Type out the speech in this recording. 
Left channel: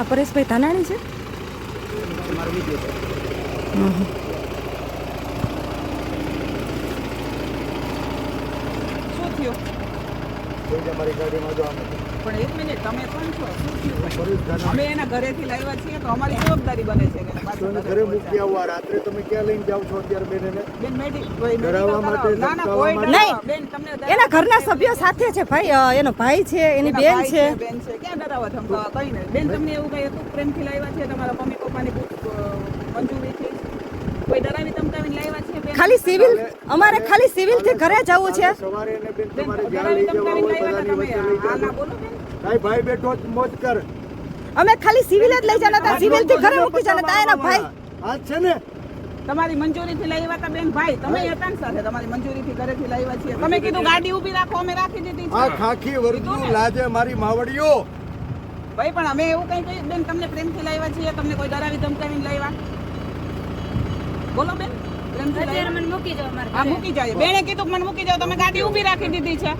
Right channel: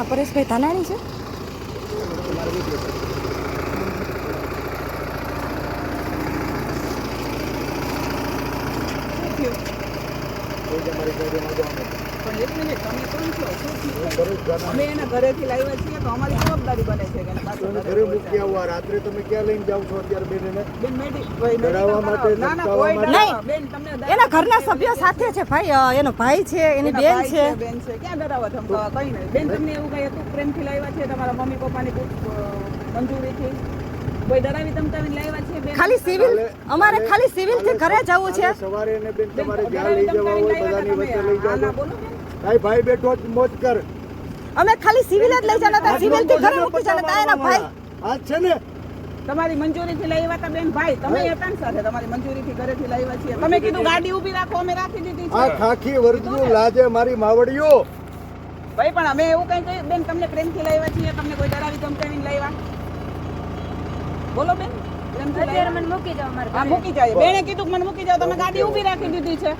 આ પરેશભાઈ ધાનાણી છે. શું થયું? તમારી ગાડીમાં જો આમ પણ એક મિનિટ, તમે કોણ છો? શું થયું? અમે એના ઘરેથી લાવ્યા છીએ તો અમારી જવાબદારી બને છે કે ઘરે મૂકી આવવા. રાત્રે તમે ક્યાં લઈને જાવ છો અત્યારે બેન એને? બેન ડરાવવા માટે, ધમકાવવા માટે? નહીં, બેન તમને એના ઘરના સભ્યો સાથે છે ભાઈ. એનો ભાઈ છે, એની બેન છે. બેન છે, ક્યાં ડરાવવા ધમકાવવા? કઈ નહીં બેન. તમને એવું કઈ ખૂબ પ્રેમથી લાવ્યા છે તમારા મમ્મી પપ્પાની મંજૂરીથી? કોઈ ડરાવી ધમકાવીને લાવ્યા છે બેન? ખાલી સિવિલ, અમારે ખાલી સિવિલ થી ઘરે જવું છે. સવારે એને બેન તમારે જ્યાં લઈ જવા હોય બધાની વચ્ચે લઈ જાજો. ભાઈ બેઠો જ મોજ કર. અમે ખાલી સિવિલ જ લઈ જવાના હતા, સિવિલ થી ઘરે મૂકી જવાના હતા. એના ભાઈ આ છે ને તમારી મંજૂરીથી લાવ્યા હતા બેન. ભાઈ તમે એકાંત સાથે તમારી મંજૂરીથી ઘરેથી લાવ્યા છીએ. તમે કીધું ગાડી ઊભી રાખો, અમે રાખી દીધી આ છે. ખાખી વર્દનું લાજે મારી માવડીઓ. ભાઈ પણ અમે એવું કઈ કહ્યું બેન? તમને પ્રેમથી લાવ્યા છીએ, તમને કોઈ ડરાવી ધમકાવીને લાવ્યા? બોલો બેન, પ્રેમથી લાવ્યા? મૂકી જાવ. હા, મૂકી જાય. બેને કીધું કે મને મૂકી જાવ, તમે ગાડી ઊભી રાખી દીધી છે.